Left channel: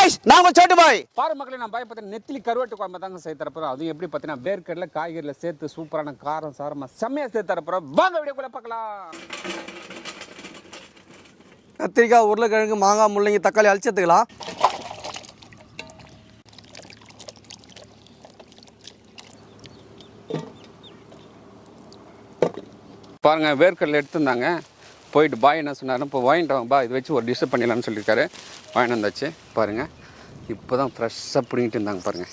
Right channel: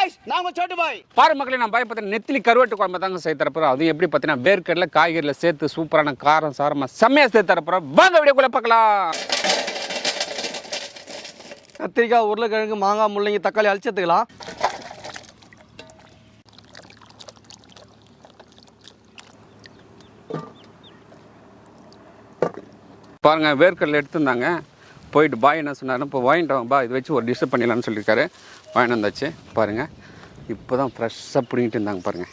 Guys நான் உங்க சோட்டு பாய் பாரு மக்களே நான் பாய் நெத்திலி கருவாட்டு குழம்பு தாங்க செய்ய தரப்போறோம் அதுவும் எப்படி பார்த்தீங்கன்னா வேர்க்கடலை காய்கறியில் சேர்த்து சூப்பரான காரம் சாரமாக செம்மையாக சேர்த்து தரப்போறோம் வாங்க வீடியோக்குள்ள பார்க்கலாம். கத்திரிக்காய் உருளைக்கிழங்கு மாங்காய் முள்ளங்கி தக்காளி அழிச்சு எடுத்துக்கலாம் பாருங்க வேர்க்கடலை எடுத்திருந்தாங்க. போயிட்டு பாய் என்ன சொன்னார் இப்போ வாங்கிட்டு வாங்க பா இது வச்சு ஒரு டிஷ் பண்ணிடலாம்னு சொல்லியிருக்காரு. வாங்கிட்டு வந்தாச்சு பாருங்க. இப்போ தான் ஃப்ரெஷ்ஷாக பிடிங்கிட்டு இருந்தாங்க பாருங்கள்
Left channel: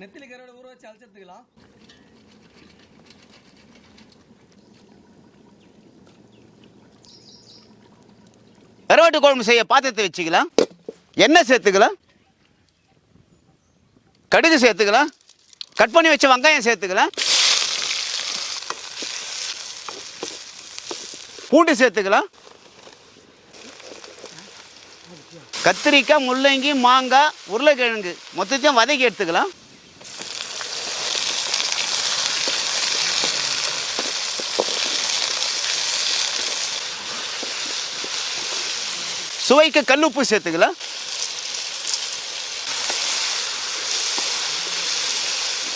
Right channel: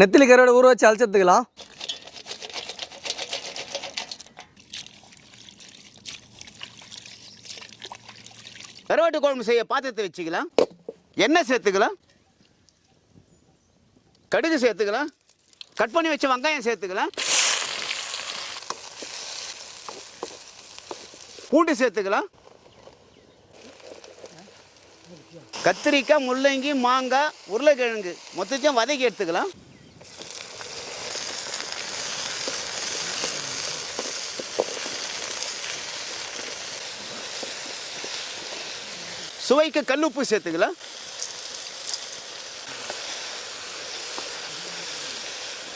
நெத்திலி கருவாடு ஊற வச்சு அழைச்சதுக்கலாம் கருவாட்டு குழம்பு செய்ய பாத்திரத்தை வச்சுக்கலாம். எண்ணெய் சேர்த்துக்கலாம். கடுகு சேர்த்துக்கலாம். கட் பண்ணி வச்ச வெங்காயம் சேர்த்துக்கலாம். பூண்டு சேர்த்துக்கலாம். கத்திரிக்காய் முள்ளங்கி மாங்காய் உருளைக்கிழங்கு மொத்தத்தையும் வதக்கி எடுத்துக்கலாம். சுவைக்கு கல்லுப்பு சேர்த்துக்கலாம்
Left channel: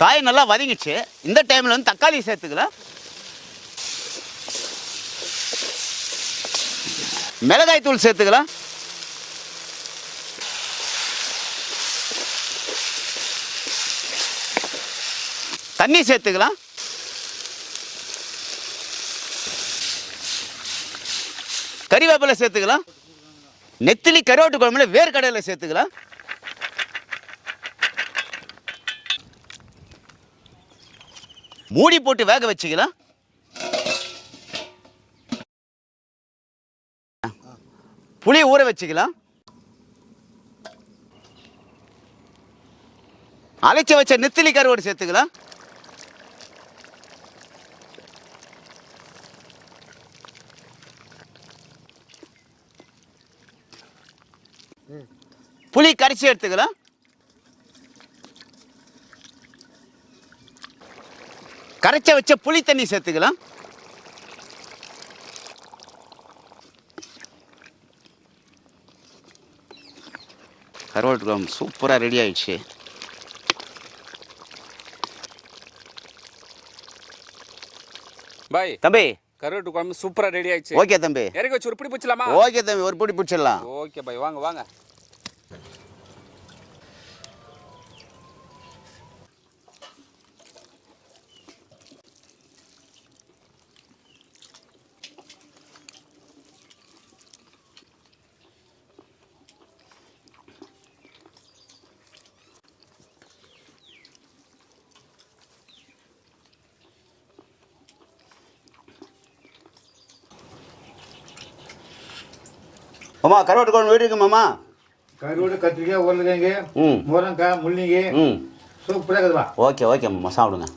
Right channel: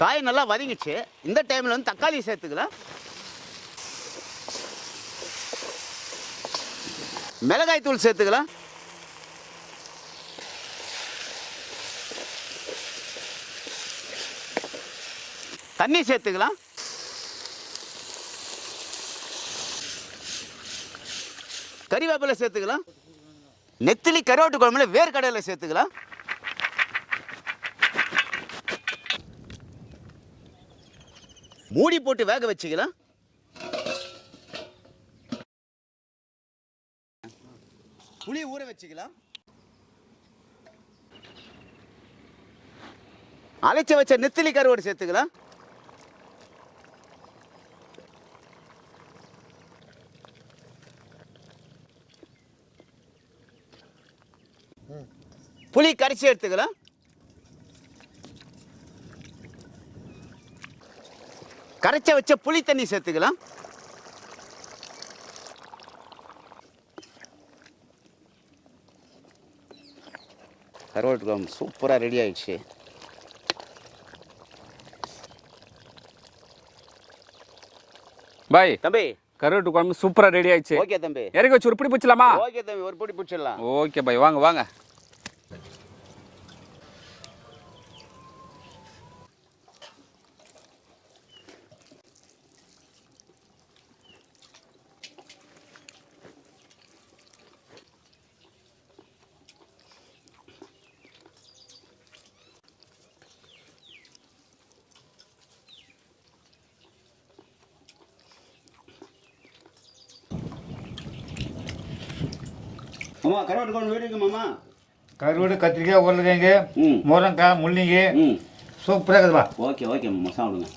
காய் நல்லா வதங்கிச்சு. இந்த டைமில் வந்து தக்காளி சேர்த்துக்கலாம் மிளகாய் தூள் சேர்த்துக்கலாம் தண்ணி சேர்த்துக்கலாம் கறிவேப்பிலை சேர்த்துக்கலாம் நெத்திலி கருவாட்டு குழம்புல வேர்க்கடலை சேர்த்துக்கலாம் மூடி போட்டு வேக வச்சுக்கலாம் புளியை ஊற வச்சுக்கலாம் அரைச்சி வச்ச நெத்திலி கருவாடு சேர்த்துக்கலாம் புளி கரைச்சி எடுத்துக்கலாம். கரைச்ச வச்ச புளி தண்ணி சேர்த்துக்கலாம். கருவாட்டு குழம்பு சூப்பராக ரெடி ஆயிடுச்சு. பாய். தம்பி. கருவாட்டு குழம்பு சூப்பராக ரெடி ஆயிடுச்சு. ஓகே தம்பி. இறக்கி வச்சு ஒரு பிடி பிடிச்சலாமா ஓகே தம்பி ஒரு பிடி பிடிச்சிடலாம். ஓகே பாய் வாங்க வாங்க. மாமா கருவாட்டு குழம்பு வீடு இருக்கு மாமா? கருவாடு கத்திரிக்காய் உருளைக்கிழங்கு ம். முருங்கைக்காய் முள்ளங்கி. ம். சூப்பராக இருக்குதுப்பா ஓகே ஓகே மாமா சாப்பிடுங்க.